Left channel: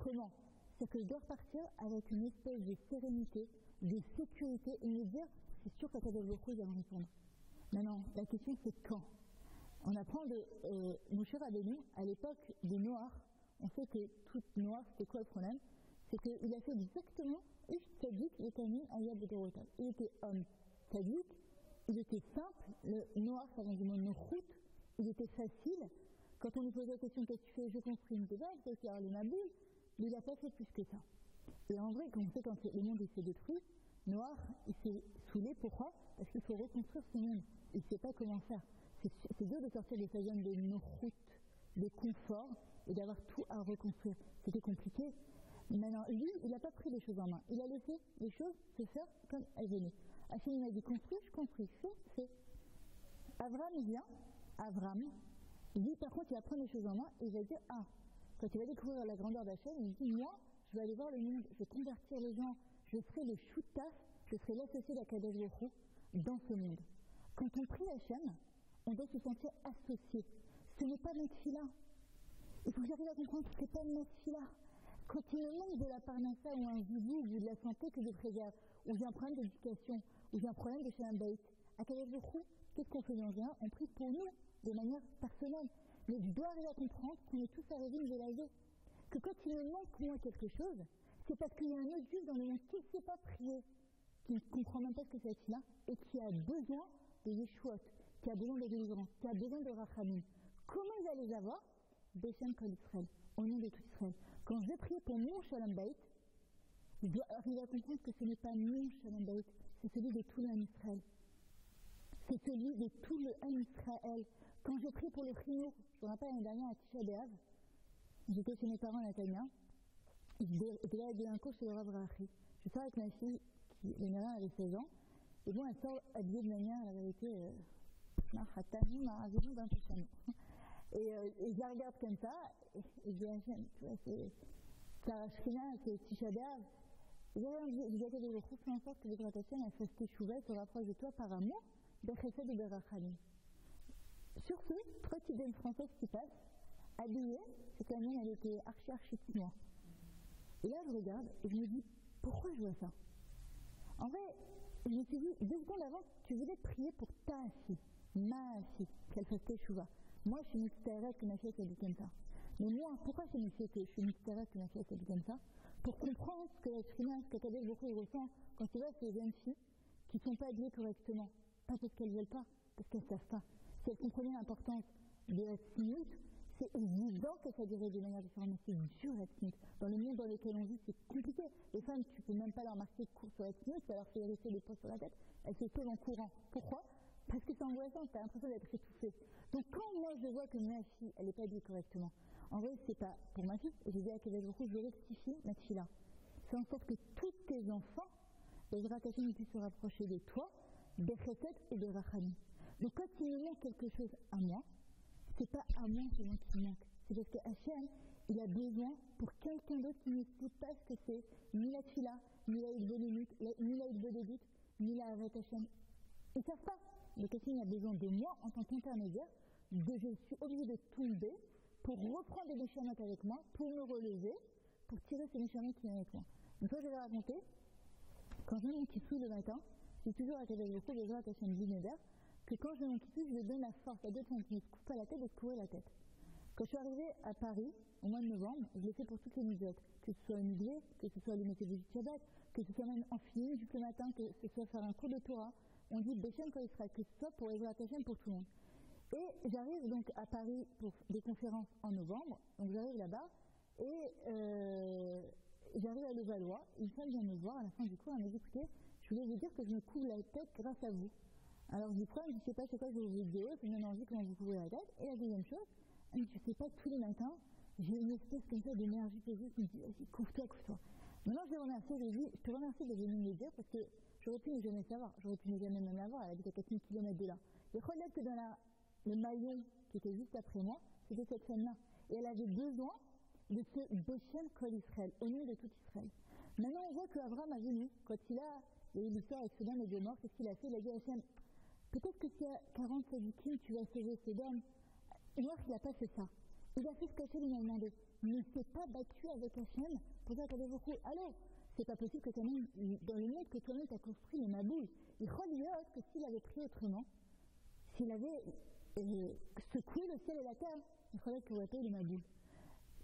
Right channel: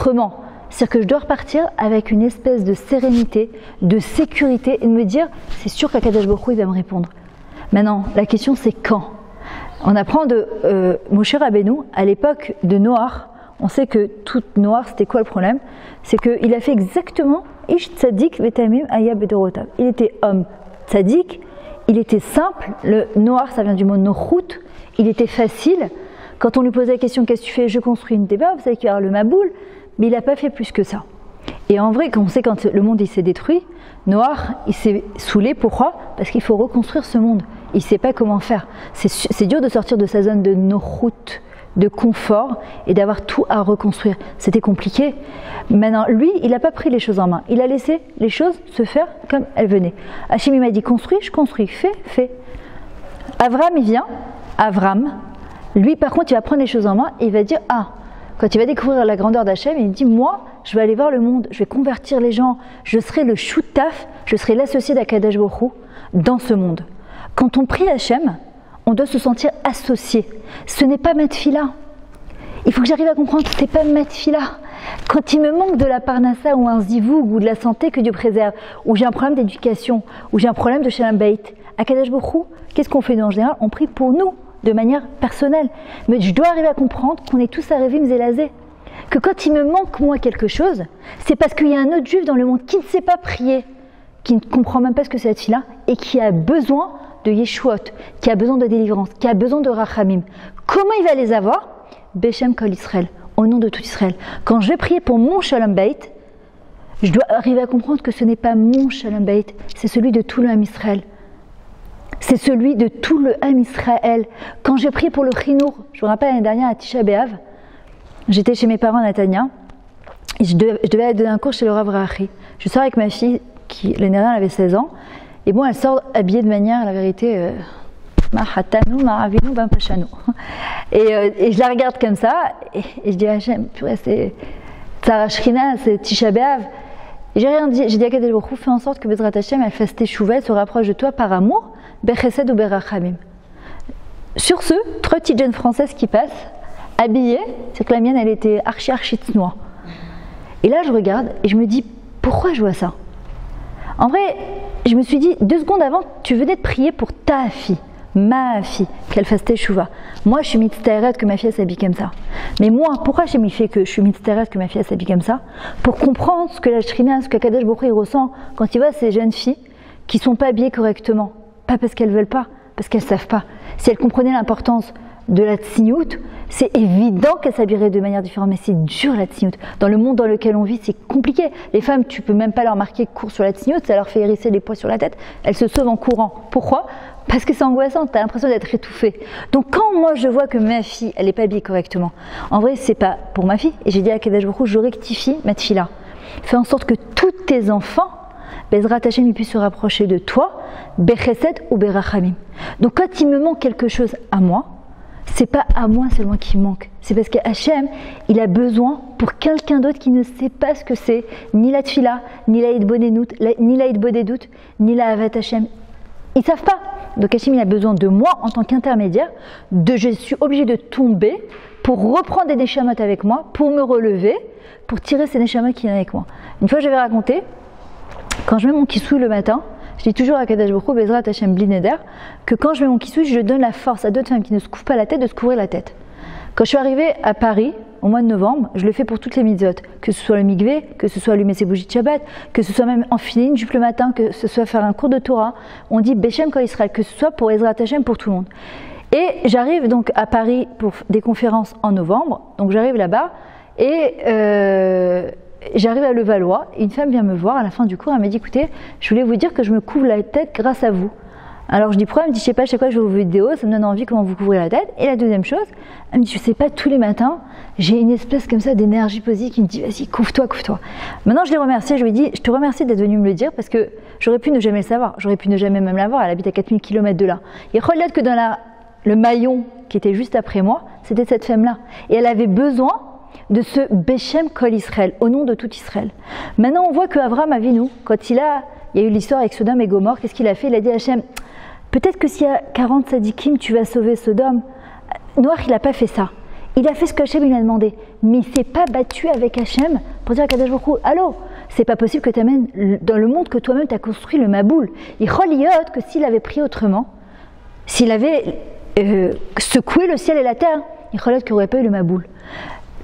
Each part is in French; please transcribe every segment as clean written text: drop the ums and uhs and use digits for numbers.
autrement. C'est-à-dire que je dois repartir avec une espèce de sérénité, de sécurité et de me dire, c'est sûr qu'Akadosh Baruch Hu, il va me répondre. Maintenant, la question c'est quand. On apprend de Moshe Rabbeinu, à l'époque de Noach, on sait que tout Noach, c'était quoi le problème? C'est qu'il a fait exactement Ish Tzadik Vetamim Aya Bedorotav. Il était homme tzadik, il était simple, le Noach ça vient du mot Nochut, il était facile. Quand on lui posait la question, qu'est-ce que tu fais? Je construis une débat, vous savez qu'il y a le Maboul, mais il n'a pas fait plus que ça. Et en vrai, quand on sait quand le monde il s'est détruit, Noach il s'est saoulé, pourquoi? Parce qu'il faut reconstruire ce monde. Il ne sait pas comment faire. C'est dur de sortir de sa zone de Nochut, de confort et d'avoir tout à reconstruire. C'était compliqué. Maintenant, lui, il n'a pas pris les choses en main. Il a laissé les choses se faire comme elles venaient. Hachem il m'a dit construis, je construis, fais. Avram, il vient. Avram, lui, par contre, il va prendre les choses en main et il va dire quand il va découvrir la grandeur d'Hachem, il dit moi, je vais aller voir le monde, je vais convertir les gens, je serai le choutaf, je serai l'associé d'Akadosh Baruch Hu dans ce monde. Quand on prie Hachem, on doit se sentir associé. Ce n'est pas ma tefila. Il faut que j'arrive à comprendre que ce n'est pas ma tefila. Quand il me manque de la parnassa ou un zivoug ou de la santé que Dieu préserve, ou j'ai un problème d'éducation, ou j'ai un problème de shalom bayit, Akadosh Baruch Hu, qu'est-ce qu'on fait nous en général? On prie pour nous, de manière personnelle. Mais je dois arriver à comprendre qu'on est tous à Révim Zélazé. Que quand il me manque moi quelque chose, c'est parce qu'il y a un autre juif dans le monde qui ne sait pas prier, qui ne comprend même pas ce que c'est la tefila, et qui a besoin de Yeshuot, qui a besoin de délivrance, qui a besoin de Rachamim. Comment il va les avoir? Beshem Kol Israël, au nom de tout Israël. Quand je vais prier pour mon Shalom Bayit, je dois arriver à comprendre que ce n'est pas mon Shalom Bayit, c'est celui de tout le Ham Israël. C'est celui de tout le Ham Israël. Quand j'ai prié pour le Chinour, je me rappelle l'année dernière à Tisha B'Av, j'étais chez mes parents à Natania, et je devais aller donner un cours chez le Rav Rachi. Je sors avec ma fille, qui l'année dernière elle avait 16 ans, et bon, elle sort habillée de manière, la vérité, Mahatanu, Maravinu, Bampachanu. Et je la regarde comme ça, et je dis, Hachem, purée, c'est Tzara Shrina, c'est Tisha B'Av. Et j'ai rien dit, j'ai dit à Kadosh Baruch Hu, fais en sorte que Bezrat Hachem, elle fasse teshuva, elle se rapproche de toi par amour, Bechesed ou Berachamim. Sur ce, 3 petites jeunes françaises qui passent, habillées, c'est que la mienne, elle était archi tsnoa. Et là, je regarde, et je me dis, pourquoi je vois ça? En vrai, je me suis dit, 2 secondes avant, tu venais de prier pour ta fille, ma fille, qu'elle fasse teshuva. Moi, je suis mitztaeret que ma fille s'habille comme ça. Mais moi, pourquoi j'ai mis fait que je suis mitztaeret que ma fille s'habille comme ça? Pour comprendre ce que la Shrina, ce que Kadosh Baruch Hu ressent quand il voit ces jeunes filles qui ne sont pas habillées correctement. Pas parce qu'elles ne veulent pas, parce qu'elles ne savent pas. Si elles comprenaient l'importance de la tsinyout, c'est évident qu'elles s'habilleraient de manière différente, mais c'est dur la tsinyout. Dans le monde dans lequel on vit, c'est compliqué. Les femmes, tu peux même pas leur marquer cours sur la tsinyout, ça leur fait hérisser les poils sur la tête, elles se sauvent en courant. Pourquoi? Parce que c'est angoissant, tu as l'impression d'être étouffée. Donc quand moi je vois que ma fille, elle n'est pas habillée correctement, en vrai c'est pas pour ma fille, et j'ai dit à Kadosh Baruch Hu, je rectifie ma tefila. Fais en sorte que tous tes enfants, Bezrat Hachem, ils puissent se rapprocher de toi, Bechesed ou Berachamim. Donc quand il me manque quelque chose à moi, c'est pas à moi seulement qui manque, c'est parce qu'Hachem, il a besoin pour quelqu'un d'autre qui ne sait pas ce que c'est, ni la tefila, ni la hitbodedut, ni la hitbodedut, ni la Avat Hachem. Ils ne savent pas. Donc Hachem, il a besoin de moi en tant qu'intermédiaire, je suis obligée de tomber pour reprendre des neshamot avec moi, pour me relever, pour tirer ces neshamot qui viennent avec moi. Une fois, je vais raconter, quand je mets mon kissouille le matin, je dis toujours à Kadosh Baruch Hu, Bezrat Hachem Bli Neder, que quand je mets mon kissouille, je donne la force à d'autres femmes qui ne se couvrent pas la tête de se couvrir la tête. Quand je suis arrivée à Paris, au mois de novembre, je le fais pour toutes les mitzvot, que ce soit le mikvé, que ce soit allumer ses bougies de Shabbat, que ce soit même enfiler une jupe le matin, que ce soit faire un cours de Torah. On dit Beshem Kol Israël, que ce soit pour Ezrat Hachem, pour tout le monde. Et j'arrive donc à Paris pour des conférences en novembre, donc j'arrive là-bas, et j'arrive à Levallois, et une femme vient me voir à la fin du cours, elle m'a dit, écoutez, je voulais vous dire que je me couvre la tête grâce à vous. Alors je dis pourquoi? Elle me dit, je sais pas, chaque fois que je vois vos vidéos, ça me donne envie comment vous couvrez la tête. Et la deuxième chose, elle me dit, je sais pas, tous les matins, j'ai une espèce comme ça d'énergie positive qui me dit, vas-y, couvre-toi, couvre-toi. Maintenant je l'ai remerciée, je lui ai dit, je te remercie d'être venue me le dire parce que j'aurais pu ne jamais le savoir, j'aurais pu ne jamais même l'avoir, elle habite à 4000 km de là. Et regarde que dans le maillon qui était juste après moi, c'était cette femme-là. Et elle avait besoin de ce Beshem Kol Israël, au nom de tout Israël. Maintenant on voit que Avraham Avinu, quand il y a eu l'histoire avec Sodome et Gomorrhe, qu'est-ce qu'il a fait? Il a dit à Hachem, peut-être que s'il y a 40 sadikim, tu vas sauver Sodome. Noach, il n'a pas fait ça. Il a fait ce que Hachem lui a demandé, mais il ne s'est pas battu avec Hachem pour dire à Kadosh Baruch Hu, allô, c'est pas possible que tu amènes dans le monde que toi-même tu as construit le Maboul. Il reliote que s'il avait pris autrement, s'il avait secoué le ciel et la terre, il relève qu'il n'y aurait pas eu le Maboul.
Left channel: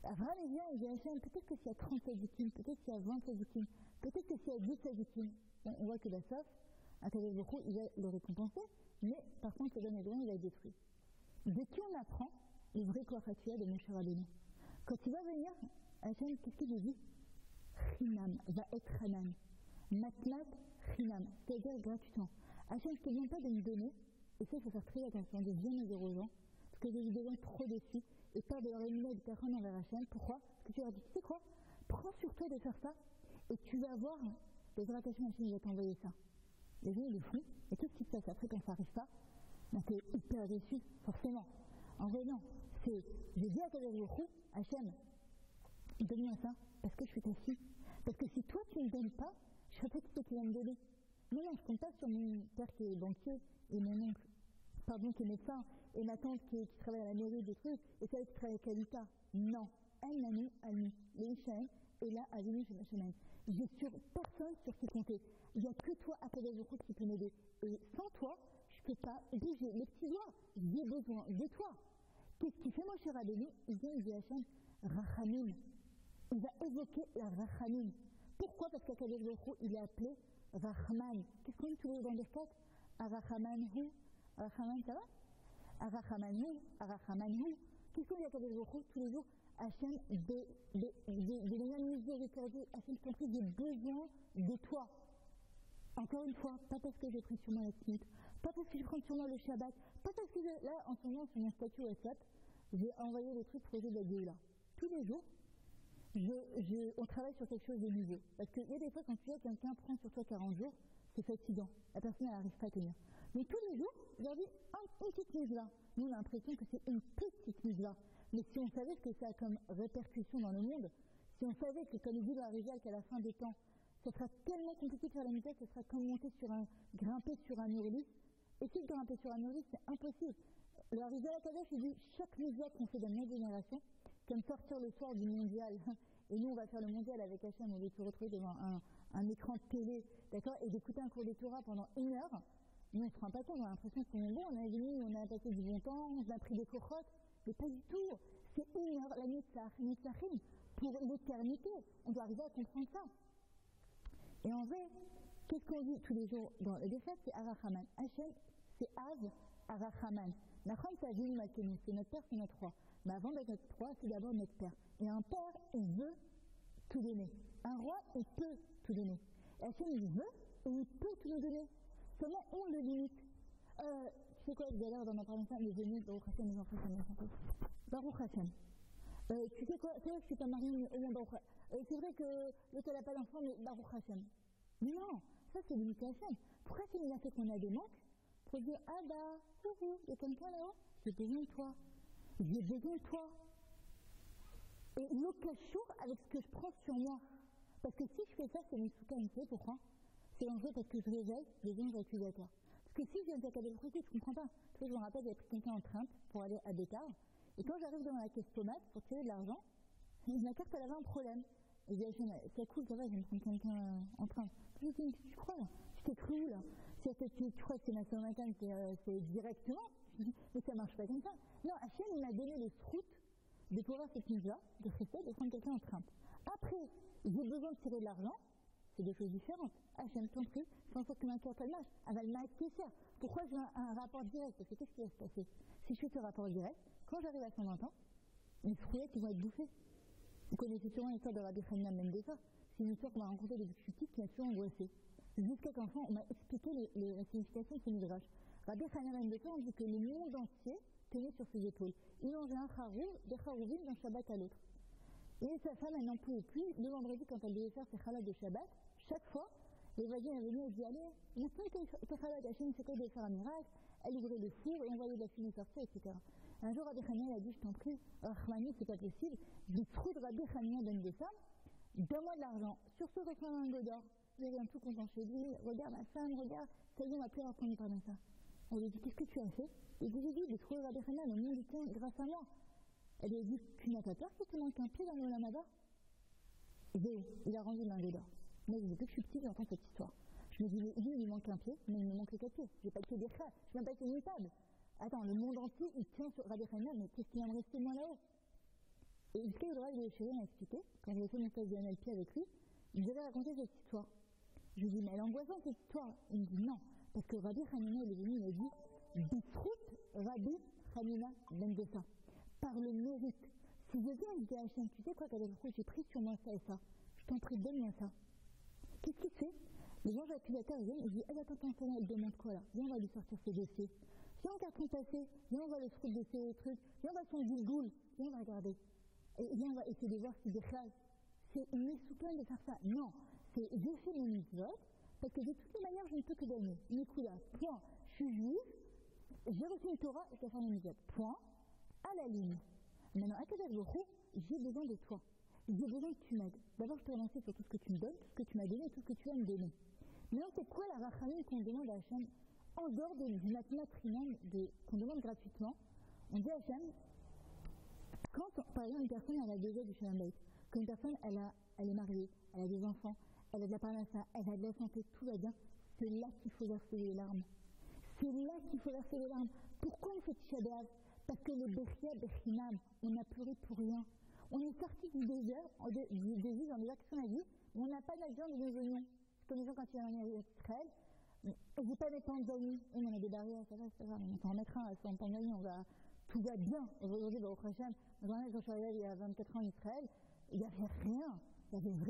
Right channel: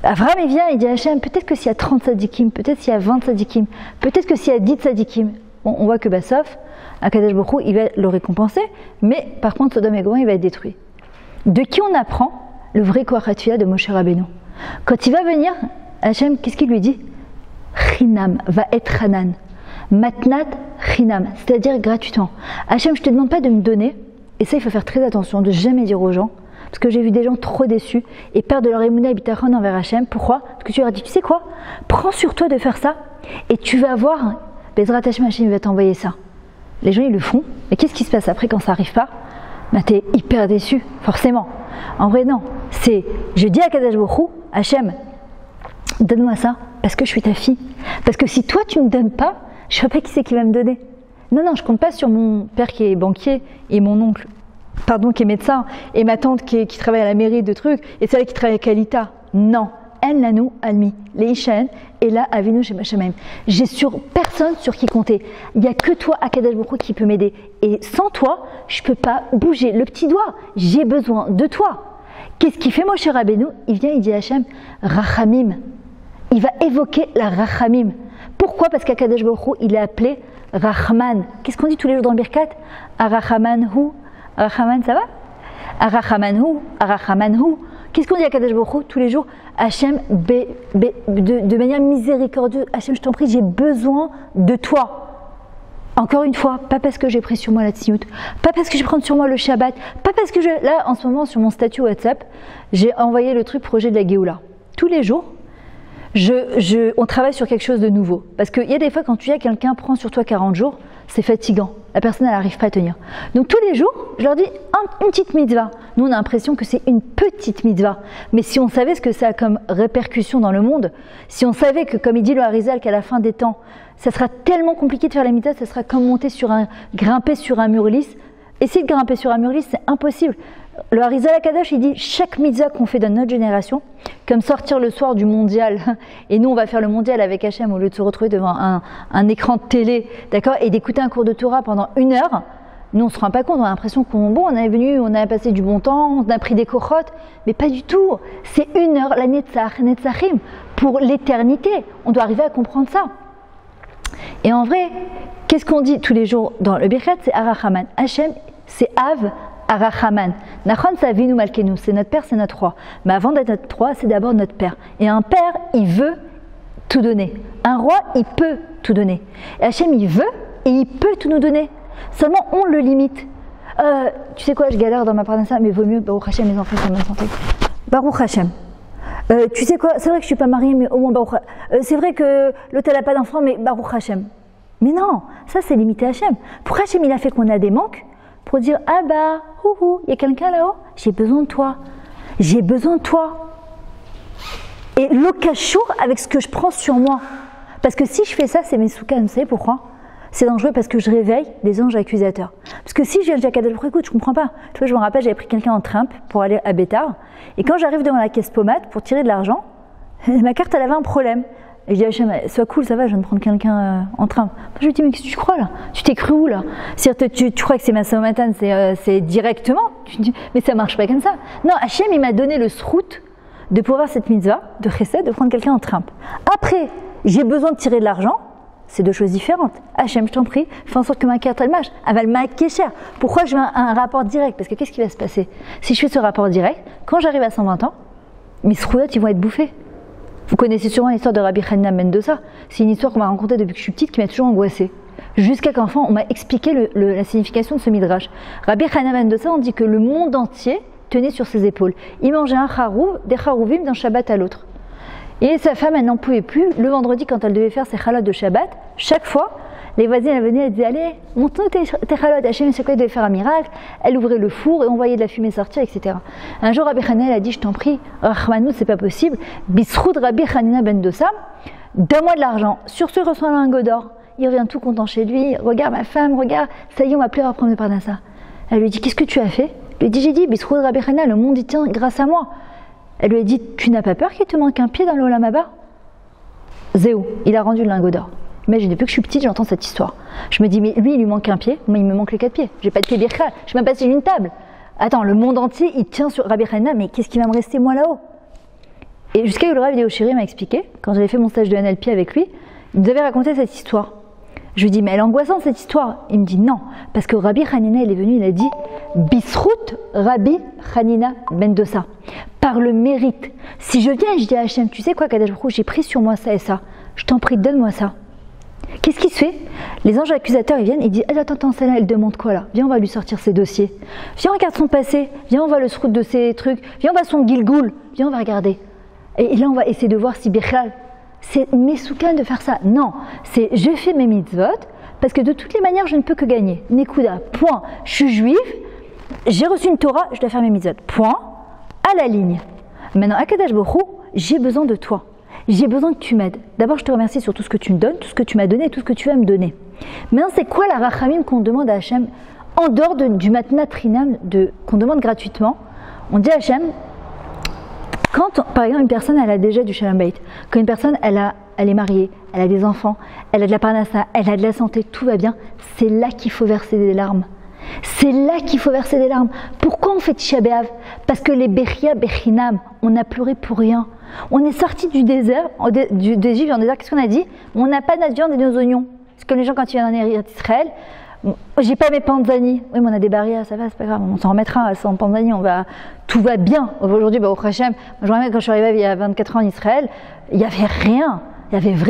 Abraham il vient, il dit à Hachem, peut-être que s'il y a 30 sadikim, peut-être s'il y a 20 sadikim, peut-être que s'il y a 10 sadikim, bon, on voit que sauf, Akadosh Baruch Hu, il va le récompenser, mais par contre Sodome et Gomorrhe, il va être détruit. De qui on apprend le vrai Koach HaTfilah de Moshe Rabbeinu? Quand il va venir, Hachem, qu'est-ce qu'il lui dit? Chinam, va être Hanan, matnat chinam, c'est-à-dire gratuitement. Hachem, je ne te demande pas de me donner, et ça il faut faire très attention, de jamais dire aux gens, parce que j'ai vu des gens trop déçus et perdre leur émouna et bitachon envers Hachem. Pourquoi? Parce que tu leur as dit, tu sais quoi? Prends sur toi de faire ça et tu vas voir, Bezrat Hachem, Hachem va t'envoyer ça. Les gens ils le font, mais qu'est-ce qui se passe après quand ça n'arrive pas? Bah, tu es hyper déçu, forcément. En vrai non, c'est, je dis à Kadosh Baruch Hu, Hachem, donne-moi ça parce que je suis ta fille. Parce que si toi tu ne me donnes pas, je ne sais pas qui c'est qui va me donner. Non, je ne compte pas sur mon père qui est banquier et mon oncle, qui est médecin, et ma tante qui travaille à la mairie de trucs, et celle qui travaille à Kalita. Non. En lanu almi, les ishaen, et là, avinu chez Machamayim. J'ai sur personne sur qui compter. Il n'y a que toi, Akadosh Baruch Hu, qui peut m'aider. Et sans toi, je ne peux pas bouger le petit doigt. J'ai besoin de toi. Qu'est-ce qu'il fait, Moshe Rabbeinu? Il vient, il dit à Hachem, Rachamim. Il va évoquer la Rachamim. Pourquoi? Parce qu'Akadosh Baruch Hu, il est appelé Rachman. Qu'est-ce qu'on dit tous les jours dans le Birkat? Arachamanhu. Arachaman, ça va? Arachamanhu. Qu'est-ce qu'on dit à Kadosh Baruch Hu tous les jours? Hachem, de manière miséricordieuse, Hachem, je t'en prie, j'ai besoin de toi. Encore une fois, pas parce que j'ai pris sur moi la tziout, pas parce que je prends sur moi le Shabbat, pas parce que là, en ce moment, sur mon statut WhatsApp, j'ai envoyé le truc projet de la Géoula. Tous les jours, on travaille sur quelque chose de nouveau. Parce qu'il y a des fois, quand tu dis à quelqu'un, prends sur toi 40 jours, c'est fatigant. La personne, elle n'arrive pas à tenir. Donc tous les jours, je leur dis une petite mitzvah. Nous, on a l'impression que c'est une petite mitzvah. Mais si on savait ce que ça a comme répercussion dans le monde, si on savait que, comme il dit le Harizal, qu'à la fin des temps, ça sera tellement compliqué de faire la mitzvah, ça sera comme grimper sur un mur lisse. Essayer de grimper sur un mur lisse, c'est impossible. Le Harizal Akadosh, il dit chaque mitzvah qu'on fait dans notre génération, comme sortir le soir du mondial, et nous on va faire le mondial avec Hachem au lieu de se retrouver devant un écran de télé, d'accord, et d'écouter un cours de Torah pendant 1 heure, nous on se rend pas compte, on a l'impression on est venu, on a passé du bon temps, on a pris des kochot, mais pas du tout, c'est 1 heure, la netzachim, pour l'éternité, on doit arriver à comprendre ça. Et en vrai, qu'est-ce qu'on dit tous les jours dans le Birkat? C'est Arachaman, Hachem, c'est Av, Arachaman. Nachon Savinu Malkenu, c'est notre père, c'est notre roi. Mais avant d'être notre roi, c'est d'abord notre père. Et un père, il veut tout donner. Un roi, il peut tout donner. Et Hachem, il veut et il peut tout nous donner. Seulement, on le limite. Tu sais quoi, je galère dans ma parnassa, mais vaut mieux, Baruch Hachem, mes enfants sont en bonne santé. Baruch Hachem. Tu sais quoi, c'est vrai que je ne suis pas mariée, mais au moins Baruch Hachem. C'est vrai que l'autre, elle n'a pas d'enfant, mais Baruch Hachem. Mais non, ça c'est limité à Hachem. Pourquoi Hachem, il a fait qu'on a des manques? Pour dire, ah bah, il y a quelqu'un là-haut, j'ai besoin de toi. J'ai besoin de toi. Et l'okashour avec ce que je prends sur moi. Parce que si je fais ça, c'est mes soukas, vous savez pourquoi? C'est dangereux parce que je réveille des anges accusateurs. Parce que si je viens à Kadosh Baruch Hu, écoute, je comprends pas. Tu vois, je me rappelle, j'avais pris quelqu'un en trimpe pour aller à Bétard. Et quand j'arrive devant la caisse pommade pour tirer de l'argent, ma carte, elle avait un problème. Et je dis à Hachem, sois cool, ça va, je viens de prendre quelqu'un en train. Je lui dis, mais qu'est-ce que tu crois là? Tu t'es cru où là? Tu crois que c'est ma Saumatan, c'est directement? Mais ça marche pas comme ça. Non, Hachem, il m'a donné le srout de pouvoir cette mitzvah, de chesed, de prendre quelqu'un en train. Après, j'ai besoin de tirer de l'argent, c'est 2 choses différentes. Hachem, je t'en prie, fais en sorte que ma carte, elle marche. Elle va le marquer cher. Pourquoi je veux un rapport direct? Parce que qu'est-ce qui va se passer? Si je fais ce rapport direct, quand j'arrive à 120 ans, mes sroulottes, ils vont être bouffés. Vous connaissez sûrement l'histoire de Rabbi Hanina ben Dosa. C'est une histoire qu'on m'a racontée depuis que je suis petite qui m'a toujours angoissée. Jusqu'à qu'enfant, on m'a expliqué la signification de ce midrash. Rabbi Hanina ben Dosa, on dit que le monde entier tenait sur ses épaules. Il mangeait un charouv, des charouvim d'un Shabbat à l'autre. Et sa femme, elle n'en pouvait plus. Le vendredi, quand elle devait faire ses chalotes de Shabbat, chaque fois, les voisines, elles venaient, elles disaient, allez, montre-nous tes chalotes. Hachem, chaque fois, elle devait faire un miracle. Elle ouvrait le four et on voyait de la fumée sortir, etc. Un jour, Rabbi Hanina a dit, je t'en prie, Rahmanou, c'est pas possible. Bisroud Rabbi Hanina ben Dosa, donne-moi de l'argent. Sur ce, il reçoit un lingot d'or. Il revient tout content chez lui. Regarde ma femme, regarde, ça y est, on m'a plus à reprendre le parnassa. Elle lui dit, qu'est-ce que tu as fait? Il lui dit, j'ai dit, Bisroud Rabbi Hanina, le monde y tient grâce à moi. Elle lui a dit, tu n'as pas peur qu'il te manque un pied dans l'Olam Haba? Zéou, il a rendu le lingot d'or. Imagine, depuis que je suis petite, j'entends cette histoire. Je me dis, mais lui, il lui manque un pied, moi, il me manque les 4 pieds. J'ai pas de pied birchal, je suis même pas sur une table. Attends, le monde entier, il tient sur Rabbi Hanina, mais qu'est-ce qui va me rester, moi, là-haut? Et jusqu'à le Rav Yehoshiri m'a expliqué, quand j'avais fait mon stage de NLP avec lui, il nous avait raconté cette histoire. Je lui dis, mais elle est angoissante cette histoire. Il me dit non, parce que Rabbi Hanina, il est venu, il a dit Bisrout Rabbi Hanina ben Dosa. Par le mérite. Si je viens et je dis à Hachem, tu sais quoi, Kadosh Baruch Hu, j'ai pris sur moi ça et ça, je t'en prie, donne-moi ça. Qu'est-ce qui se fait? Les anges accusateurs, ils viennent, ils disent attends, celle-là, elle demande quoi là? Viens, on va lui sortir ses dossiers. Viens, on regarde son passé. Viens, on va le srout de ses trucs. Viens, on va son gilgoul. Viens, on va regarder. Et là, on va essayer de voir si Birchal. C'est mesoukan de faire ça. Non, c'est je fais mes mitzvot parce que de toutes les manières, je ne peux que gagner. Nekuda, point. Je suis juive, j'ai reçu une Torah, je dois faire mes mitzvot. Point. À la ligne. Maintenant, Akadosh Baruch Hu, j'ai besoin de toi. J'ai besoin que tu m'aides. D'abord, je te remercie sur tout ce que tu me donnes, tout ce que tu m'as donné et tout ce que tu vas me donner. Maintenant, c'est quoi la rachamim qu'on demande à Hachem en dehors du matnat trinam qu'on demande gratuitement? On dit à Hachem, quand, par exemple, une personne, elle a déjà du shalom bayit, quand une personne, elle est mariée, elle a des enfants, elle a de la parnassa, elle a de la santé, tout va bien, c'est là qu'il faut verser des larmes. C'est là qu'il faut verser des larmes. Pourquoi on fait Tisha B'Av? Parce que les Bechia Bechinam, on a pleuré pour rien. On est sorti du désert, d'Égypte en désert, qu'est-ce qu'on a dit? On n'a pas de notre viande et nos oignons. C'est comme les gens quand ils viennent en Israël. J'ai pas mes panzani. Oui, mais on a des barrières, ça va, c'est pas grave, on s'en remettra sans panzani, tout va bien. Aujourd'hui, au Hachem, quand je suis arrivée il y a 24 ans en Israël, il n'y avait rien.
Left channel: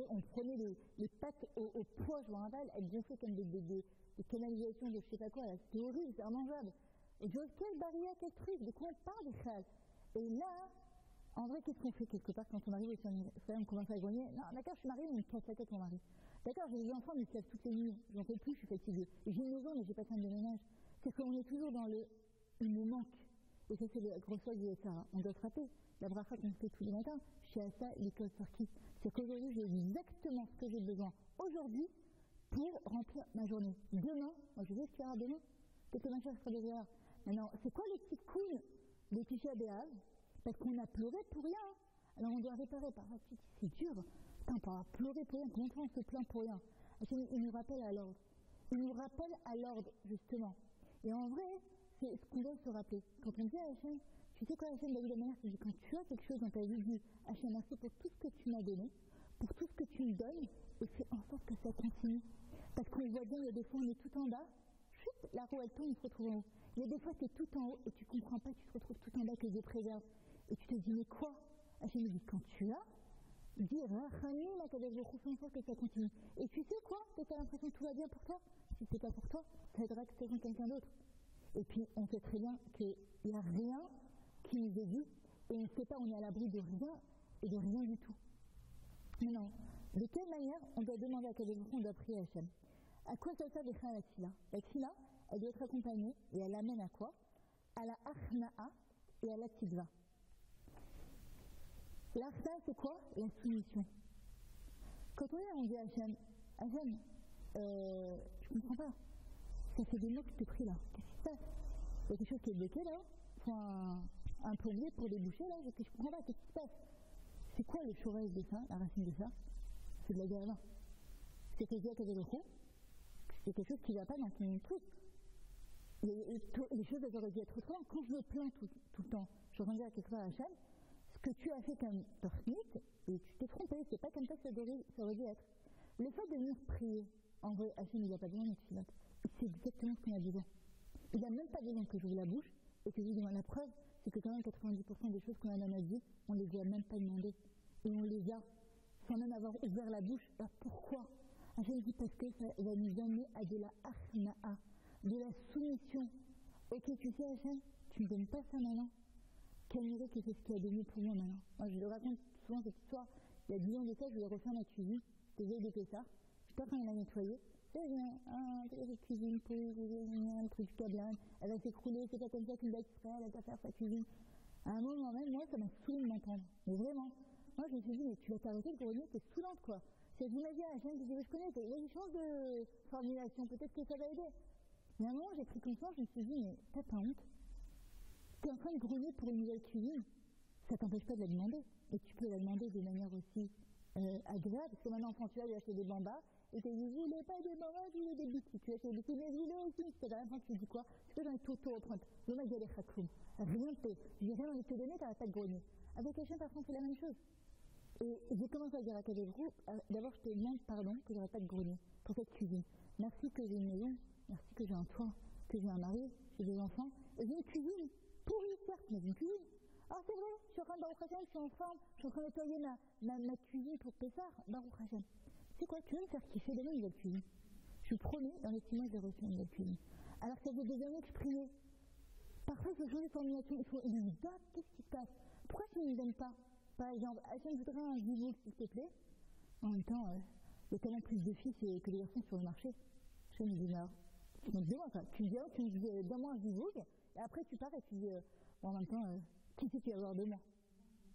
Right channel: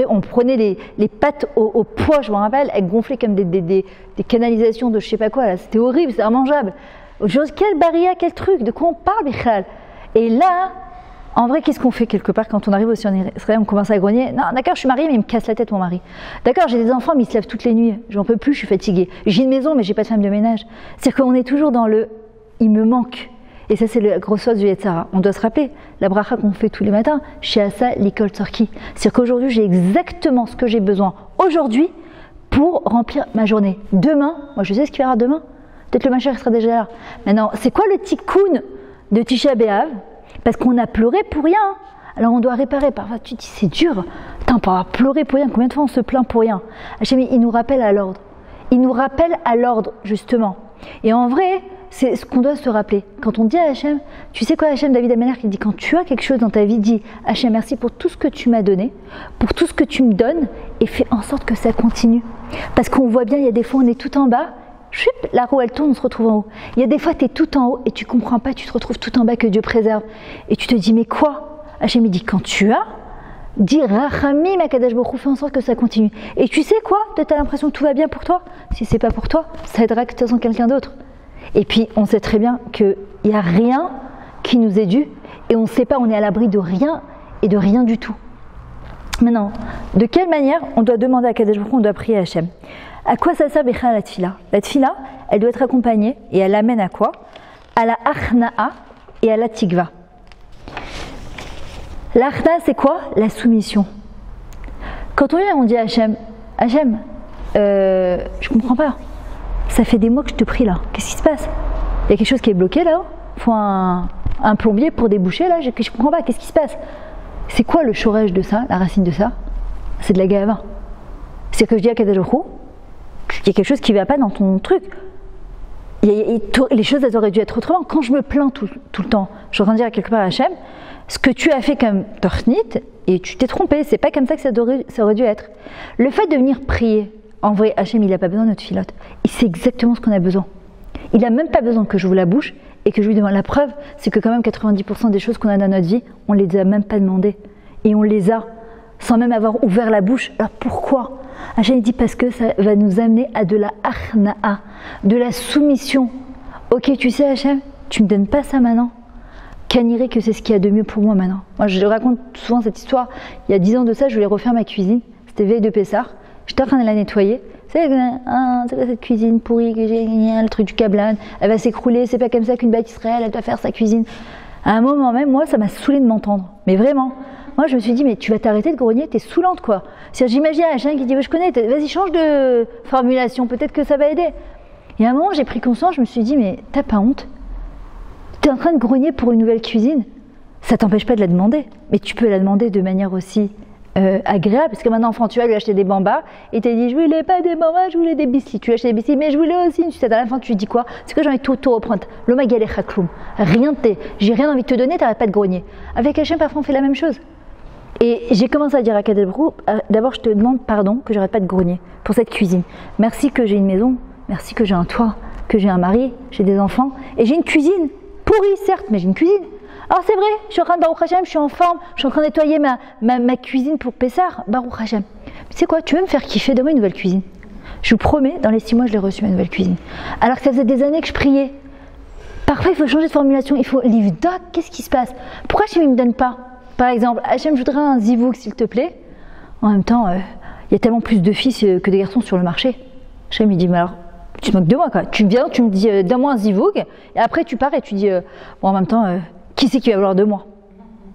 On prenait les pâtes au poids, je me rappelle, elles gonflaient comme des canalisations de je sais pas quoi, là. C'était horrible, c'était immangeable. Aujourd'hui, quelle barrière, quel truc, de quoi on parle, Bichal? Et là, en vrai, qu'est-ce qu'on fait quelque part quand on arrive aussi en Israël, on commence à grogner? Non, d'accord, je suis mariée, mais il me casse la tête, mon mari. D'accord, j'ai des enfants, mais ils se lèvent toutes les nuits. J'en peux plus, je suis fatiguée. J'ai une maison, mais j'ai pas de femme de ménage. C'est-à-dire qu'on est toujours dans le « il me manque ». Et ça, c'est la grosse chose du Yetzara. On doit se rappeler, la bracha qu'on fait tous les matins, chez Asa, l'ikol Tzorki. C'est-à-dire qu'aujourd'hui, j'ai exactement ce que j'ai besoin aujourd'hui pour remplir ma journée. Demain, moi je sais ce qu'il y aura demain. Peut-être le Mashiach sera déjà là. Maintenant, c'est quoi le tikkun de Tisha B'Av? Parce qu'on a pleuré pour rien. Alors on doit réparer. Parfois tu te dis c'est dur. Attends, on va pleurer pour rien. Combien de fois on se plaint pour rien? Hachem, il nous rappelle à l'ordre. Il nous rappelle à l'ordre, justement. Et en vrai, c'est ce qu'on doit se rappeler. Quand on dit à Hachem, tu sais quoi Hachem, David Ameller qui dit quand tu as quelque chose dans ta vie, dis Hachem, merci pour tout ce que tu m'as donné, pour tout ce que tu me donnes et fais en sorte que ça continue. Parce qu'on voit bien, il y a des fois on est tout en bas. Chut, la roue elle tourne, on se retrouve en haut. Il y a des fois tu es tout en haut et tu comprends pas, tu te retrouves tout en bas que Dieu préserve. Et tu te dis mais quoi? Hachem il dit quand tu as, dis Rachamim Akadosh Baruch Hu, fais en sorte que ça continue. Et tu sais quoi? Tu as l'impression que tout va bien pour toi. Si c'est pas pour toi, ça aidera que de toute façon quelqu'un d'autre. Et puis on sait très bien qu'il n'y a rien qui nous est dû et on ne sait pas, on est à l'abri de rien et de rien du tout. Maintenant, de quelle manière on doit demander à Akadosh Baruch Hu, on doit prier à Hachem? À quoi ça sert Bechal la tfila? La tfila, elle doit être accompagnée et elle amène à quoi? À la achna'a et à la tikva. L'achna'a, c'est quoi? La soumission. Quand on vient, on dit à Hachem, Hachem, je comprends pas. Ça fait des mois que je te prie là. Qu'est-ce qui se passe? Il y a quelque chose qui est bloqué là? Il faut un plombier pour déboucher là? Je comprends pas. Qu'est-ce qui se passe? C'est quoi le chorège de ça, la racine de ça? C'est de la gava. C'est que je dis à Kadosh Baruch Hu, il y a quelque chose qui ne va pas dans ton truc. Les choses, elles auraient dû être autrement. Quand je me plains tout le temps, je suis en train de dire quelque part à Hachem, ce que tu as fait comme torchnit, et tu t'es trompé, c'est pas comme ça que ça aurait dû être. Le fait de venir prier, en vrai, Hachem, il n'a pas besoin de notre filote. Il sait exactement ce qu'on a besoin. Il n'a même pas besoin que j'ouvre la bouche et que je lui demande. La preuve, c'est que quand même 90% des choses qu'on a dans notre vie, on ne les a même pas demandées. Et on les a, sans même avoir ouvert la bouche. Alors pourquoi? Hachem dit parce que ça va nous amener à de la achna'a, de la soumission. Ok, tu sais Hachem, tu me donnes pas ça maintenant. Caniré que c'est ce qu'il y a de mieux pour moi maintenant. Moi je raconte souvent cette histoire. Il y a 10 ans de ça, je voulais refaire ma cuisine. C'était veille de Pessah. J'étais en train de la nettoyer. C'est quoi cette cuisine pourrie que j'ai, le truc du câblan, elle va s'écrouler, c'est pas comme ça qu'une bête Israël, elle doit faire sa cuisine. À un moment même, moi ça m'a saoulé de m'entendre. Mais vraiment. Moi, je me suis dit, mais tu vas t'arrêter de grogner, t'es saoulante, quoi. J'imagine un chien qui dit, je connais, vas-y, change de formulation, peut-être que ça va aider. Et à un moment, j'ai pris conscience, je me suis dit, mais t'as pas honte? T'es en train de grogner pour une nouvelle cuisine? ça t'empêche pas de la demander, mais tu peux la demander de manière aussi agréable, parce que maintenant, enfant, tu vas lui acheter des bambas, et tu dit, je voulais pas des bambas, je voulais des biscuits. Tu lui achètes des biscuits, mais je voulais aussi une sucette. À la fin, tu lui dis quoi? C'est que j'ai envie de tout reprendre. L'homme a galé chakloum. Rien de t'es. J'ai rien envie de te donner, t'arrêtes pas de grogner. Avec Hachem, parfois, on fait la même chose. Et j'ai commencé à dire à Kadesh Baruch Hu, d'abord, je te demande pardon que j'arrête pas de grogner pour cette cuisine. Merci que j'ai une maison, merci que j'ai un toit, que j'ai un mari, j'ai des enfants, et j'ai une cuisine. Pourrie, certes, mais j'ai une cuisine. Alors c'est vrai, je suis en train de Baruch Hashem, je suis en forme, je suis en train de nettoyer ma cuisine pour Pessah, Baruch Hashem. Tu sais quoi, tu veux me faire kiffer, donne-moi une nouvelle cuisine. Je vous promets, dans les 6 mois, je l'ai reçue, ma nouvelle cuisine. Alors que ça faisait des années que je priais. Parfois, il faut changer de formulation, il faut livdoc, qu'est-ce qui se passe? Pourquoi Hachem ne me donne pas? Par exemple, Hachem, je voudrais un zivouk, s'il te plaît. En même temps, il y a tellement plus de filles que de garçons sur le marché. Hachem, il dit, mais alors, tu te moques de moi, quoi. Tu viens, tu me dis, donne-moi un zivouk, et après, tu pars et tu dis, bon, en même temps, qui c'est qui va vouloir de moi?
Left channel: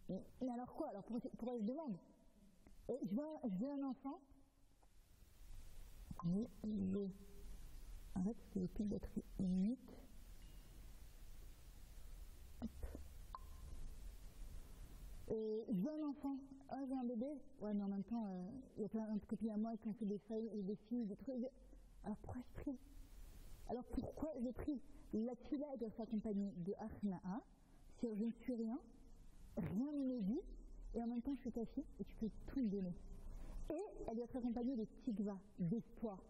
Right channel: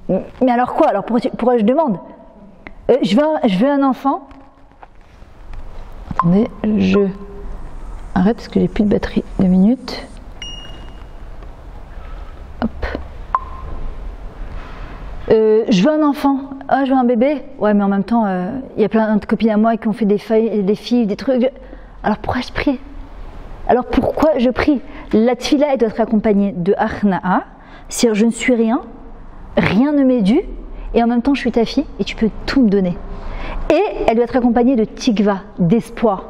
Mais alors quoi? Alors pourquoi je demande? Je veux un enfant. Attendez, je arrête parce que j'ai plus de batterie. 2 minutes. Hop. Je veux un enfant. Ah, je veux un bébé. Ouais, mais en même temps, il y a plein de copines à moi qui ont fait des filles, des trucs. Alors pourquoi je prie? Alors pourquoi je prie? La tfila, elle doit être accompagnée de achna'a. C'est-à-dire, je ne suis rien, rien ne m'est dû, et en même temps, je suis ta fille, et tu peux tout me donner. Et elle doit être accompagnée de tikva, d'espoir.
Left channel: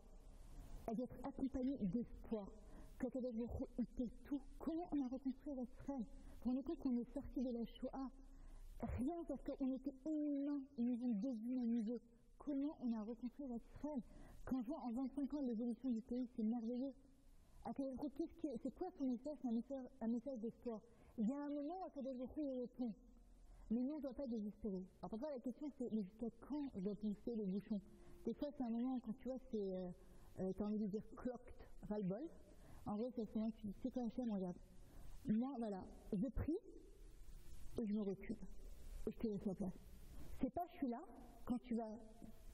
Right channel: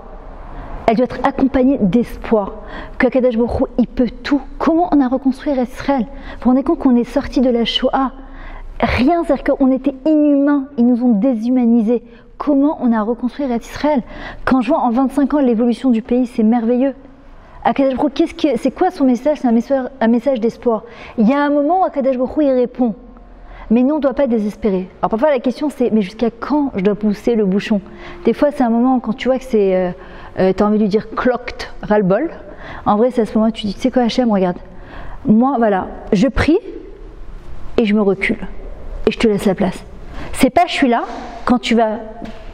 Elle doit être accompagnée d'espoir. Que Kadosh Baruch Hu, il peut tout. Comment on a reconstruit Israël? Vous vous rendez compte qu'on est sorti de la Shoah? Rien, c'est-à-dire qu'on était inhumains, ils nous ont déshumanisés. Comment on a reconstruit Israël? Quand je vois en 25 ans l'évolution du pays, c'est merveilleux. Akadosh Baruch Hu, c'est quoi son message? C'est un message d'espoir. Il y a un moment où Akadosh Baruch Hu, il répond. Mais nous, on ne doit pas désespérer. Alors parfois, la question, c'est, mais jusqu'à quand je dois pousser le bouchon? Des fois, c'est un moment quand tu vois que c'est, tu as envie de lui dire clocked, ras-le-bol. En vrai, c'est à ce moment où tu dis, tu sais quoi, Hachem, regarde. Moi, voilà, je prie et je me recule. Et je te laisse la place. C'est pas, je suis là, quand tu vas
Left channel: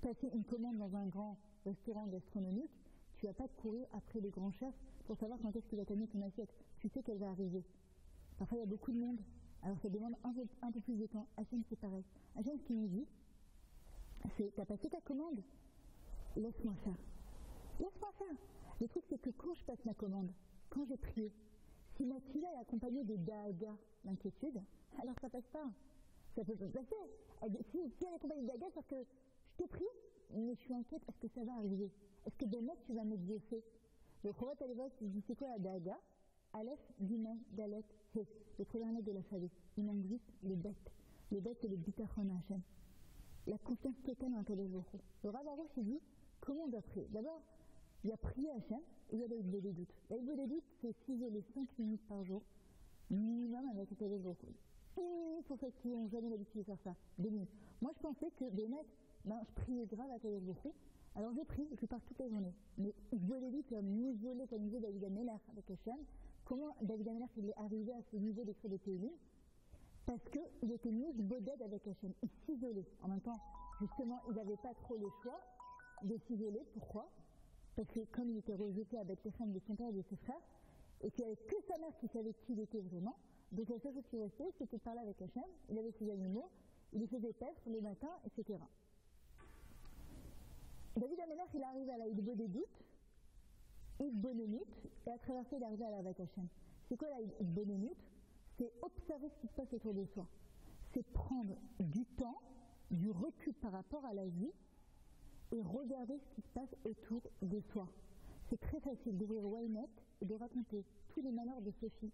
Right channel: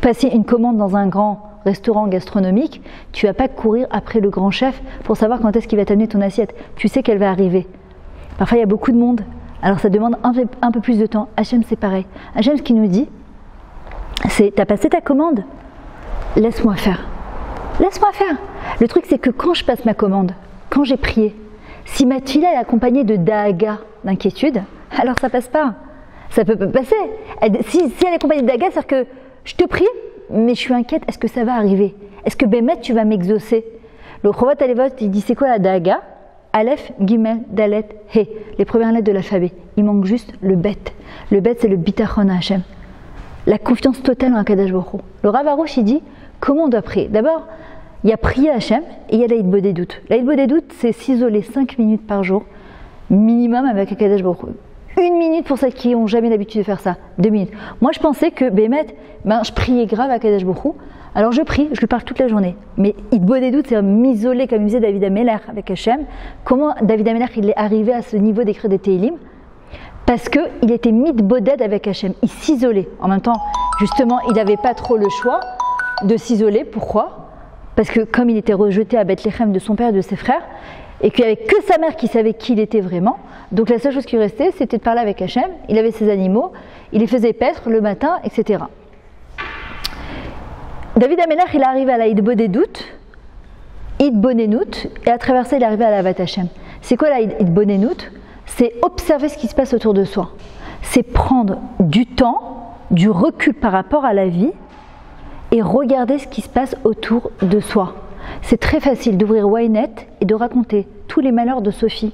passer une commande dans un grand restaurant gastronomique, tu ne vas pas courir après le grand chef pour savoir quand est-ce qu'il va t'amener ton assiette. Tu sais qu'elle va arriver. Parfois, il y a beaucoup de monde. Alors, ça demande un peu plus de temps. Hachem, c'est pareil. Hachem, ce qu'il nous dit, c'est, tu as passé ta commande, laisse-moi faire. Laisse-moi faire. Le truc, c'est que quand je passe ma commande, quand j'ai prié, si ma tfila est accompagnée de daaga, d'inquiétude, alors ça passe pas. Ça peut pas passer. Si elle est accompagnée de daaga, c'est-à-dire que je te prie, mais je suis inquiète, est-ce que ça va arriver? Est-ce que Bémet, tu vas m'exaucer? Le Chovat Alevot, il dit, c'est quoi la daaga? Aleph, Gimel, Dalet, He, les premières lettres de l'alphabet. Il manque juste le bet. Le bet, c'est le bitachon à Hachem. La confiance totale en Akadosh Baruch Hu. Le Rav Arush, il dit, comment on doit prier? D'abord, il y a prier Hachem et il y a l'Aïd Bodedut. L'Aïd Bodedut, c'est s'isoler 5 minutes par jour, minimum avec Akadosh Baruch Hu. 1 minute pour celles qui n'ont jamais l'habitude de faire ça. 2 minutes. Moi, je pensais que Bémet, je priais grave à Kadesh Baruch Hu. Alors je prie, je lui parle toute la journée. Mais il boit des doutes, c'est m'isoler, comme disait David Ameller avec Hachem. Comment David Ameller, il est arrivé à ce niveau d'écrire des Tehillim? Parce qu'il était mitboded avec Hachem. Il s'isolait. En même temps, justement, il n'avait pas trop le choix de s'isoler. Pourquoi? Parce que comme il était rejeté à Bethléem de son père et de ses frères, et qu'il n'y avait que sa mère qui savait qui il était vraiment, donc la seule chose qui lui restait, c'était de parler avec Hachem. Il avait ses animaux, il les faisait paître le matin, etc. David Ameller, il est arrivé à la Idbodedut, Idbonenut, et à travers ça, il est arrivé à la Vat Hachem. C'est quoi la Idbonenut? C'est observer ce qui se passe autour de soi. C'est prendre du temps, du recul par rapport à la vie, et regarder ce qui se passe autour de soi. C'est très facile d'ouvrir Ynet et de raconter tous les malheurs de Sophie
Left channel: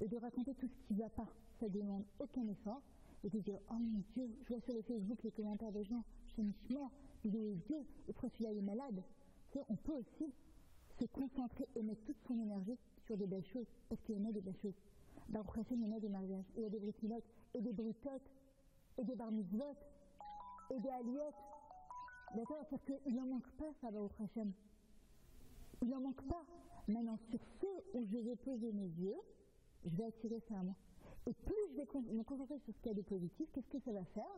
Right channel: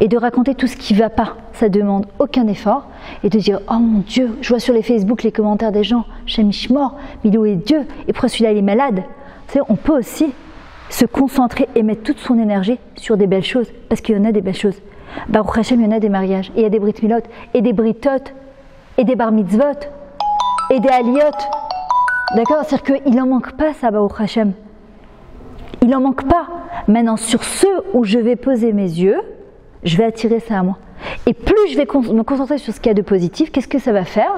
et de raconter tout ce qui ne va pas. Ça demande aucun effort et de dire « Oh mon Dieu, je vois sur les Facebook les commentaires des gens, Shem Ishmor, Milou est Dieu, et pourquoi celui-là il est malade ?» Vous savez, on peut aussi se concentrer et mettre toute son énergie sur des belles choses, parce qu'il y en a des belles choses. Baruch Hashem, il y en a des mariages, et il y a des brit milot, et des britot, et des bar mitzvot, et des aliyot. D'accord? C'est-à-dire qu'il n'en manque pas ça, Baruch Hashem. Il n'en manque pas. Maintenant, sur ceux où je vais poser mes yeux, je vais attirer ça à moi. Et plus je vais me concentrer sur ce qu'il y a de positif, qu'est-ce que ça va faire?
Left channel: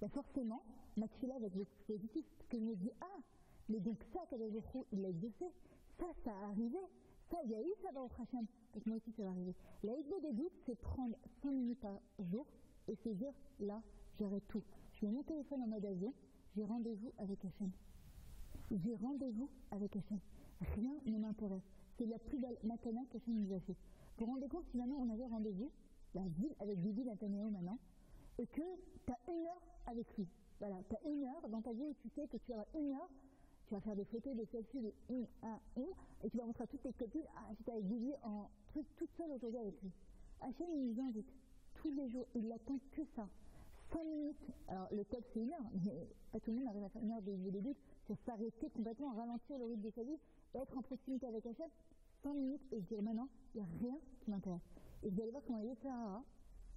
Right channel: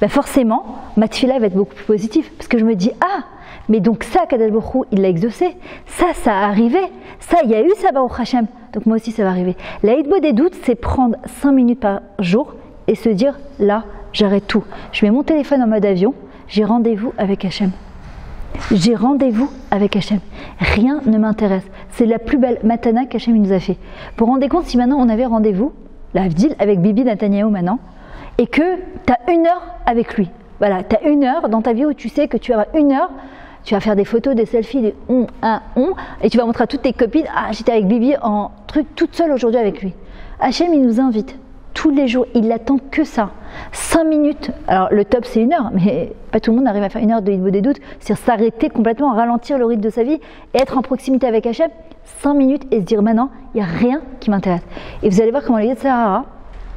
Ben forcément, ma tefila va être beaucoup plus positive. Parce que je me dis, ah, mais donc ça, Kadosh Baruch Hu, il l'a exaucé. Ça a arrivé. Ça, il y a eu ça, Baruch Hashem. Donc moi aussi, ça va arriver. La hitbo des doutes, c'est prendre 5 minutes par jour et se dire là, j'arrête tout. Je mets mon téléphone en mode avion, j'ai rendez-vous avec Hachem. J'ai rendez-vous avec Hachem. Rien ne m'intéresse. C'est la plus belle matana qu'Hachem nous a fait. Vous vous rendez compte si maintenant on avait rendez-vous, la Havdil, avec Bibi Netanyahu maintenant, et que tu as 1 heure avec lui. Voilà, tu as 1 heure dans ta vie où tu sais que tu vas avoir 1 heure, tu vas faire des photos, des selfies, des et tu vas montrer à toutes tes copines, ah j'étais avec Bibi en truc toute seule aujourd'hui avec lui. Hachem il nous invite tous les jours, il n'attend que ça. 5 minutes, alors le top c'est 1 heure, mais pas tout le monde arrive à faire 1 heure de Hitbodedut, des doutes, c'est-à-dire s'arrêter complètement, ralentir le rythme de sa vie et être en proximité avec Hachem, 5 minutes et se dire maintenant, il n'y a rien qui m'intéresse. Et vous allez voir comment le Yetzer Hara,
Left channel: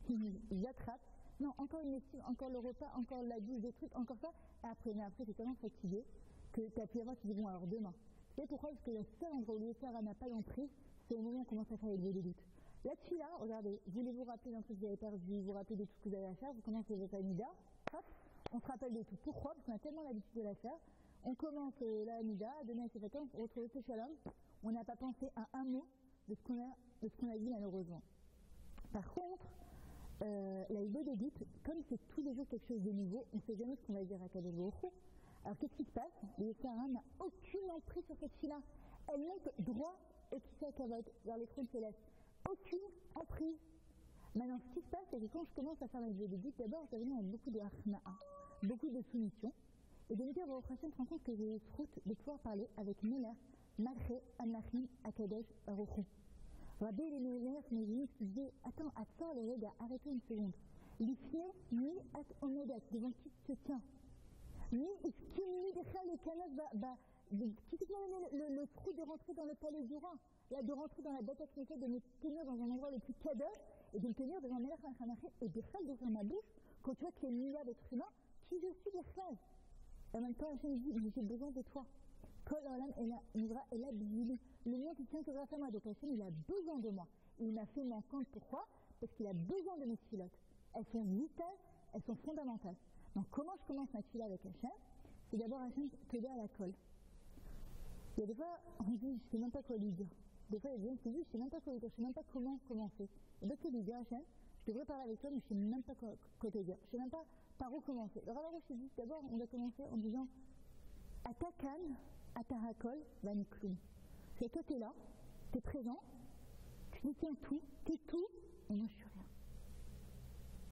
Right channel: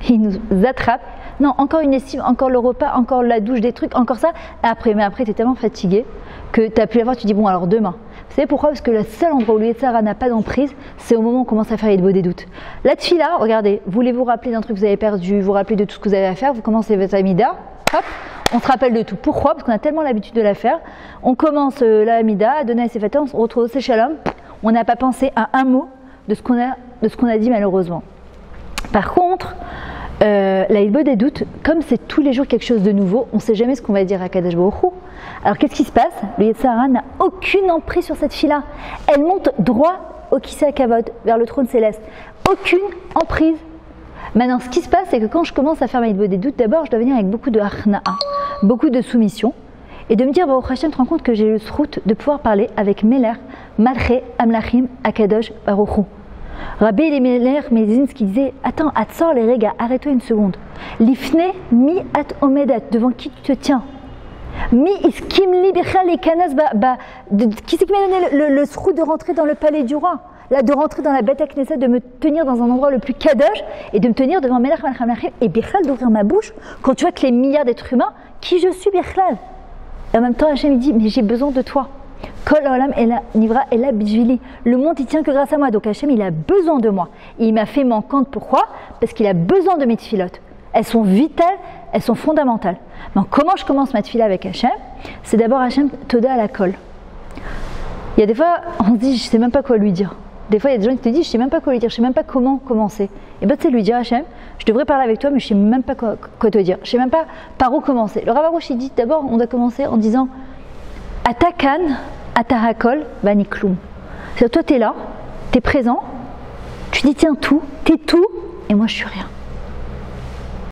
il nous attrape, non, encore une lessive, encore le repas, encore la douche, des trucs, encore ça, mais après tu es tellement fatigué que tu as pu l'avoir, tu dis bon alors demain. Vous savez pourquoi? Parce que le seul endroit où le Yetzer Hara n'a pas d'emprise, c'est au moment où on commence à faire des doutes. La tefila, regardez, voulez-vous rappeler d'un truc que vous avez perdu, vous rappelez de tout ce que vous avez à faire, vous commencez votre Amida, hop, on se rappelle de tout. Pourquoi? Parce qu'on a tellement l'habitude de la faire. On commence la Amida, à donner à ses fêtes, on se retrouve au Shalom, on n'a pas pensé à un mot de ce qu'on a dit malheureusement. Par contre, la Hitbodedut, comme c'est tous les jours quelque chose de nouveau, on ne sait jamais ce qu'on va dire à Kadosh Baruch Hu. Alors qu'est-ce qui se passe? Le Yetzer Hara n'a aucune emprise sur cette fille-là. Elle monte droit au Kisei HaKavod, vers le trône céleste. Aucune emprise. Maintenant, ce qui se passe, c'est que quand je commence à faire ma Hitbodedut, d'abord, je dois venir avec beaucoup de harna'a, beaucoup de soumission, et de me dire, Baruch Hashem, te rends compte que j'ai le srout de pouvoir parler avec Meler, Malché, Amlachim, Akadosh, Baruch Hu. Rabbi Elimelech Mezins qui disait, attends, Atzor les regas, arrête-toi une seconde. Lifne mi at omedat, devant qui tu te tiens. Mi iskimli bichal les kanas, qui c'est qui m'a donné le srout de rentrer dans le palais du roi, là, de rentrer dans la Beth Knesset, de me tenir dans un endroit le plus kadosh et de me tenir devant Melech Malcham et bichal d'ouvrir ma bouche quand tu vois que les milliards d'êtres humains, qui je suis bichal. Et en même temps, Hachem il dit, mais j'ai besoin de toi. Kol olam nivra ela bijvili. Le monde il tient que grâce à moi. Donc Hachem il a besoin de moi. Et il m'a fait manquante. Pourquoi? Parce qu'il a besoin de mes tfilotes. Elles sont vitales, elles sont fondamentales. Donc comment je commence ma tfila avec Hachem? C'est d'abord Hachem toda à la colle. Il y a des fois on se dit je sais même pas quoi lui dire. Des fois il y a des gens qui te disent je sais même pas quoi lui dire, je sais même pas comment commencer. Et bien tu sais lui dire Hachem, je devrais parler avec toi mais je sais même pas quoi te dire. Je sais même pas par où commencer. Le Rav Arush il dit d'abord on doit commencer en disant Atakan, Atahakol, Vanikloum. C'est-à-dire, toi, tu es là, tu es présent, tu dis tiens tout, tu es tout, et moi je suis rien.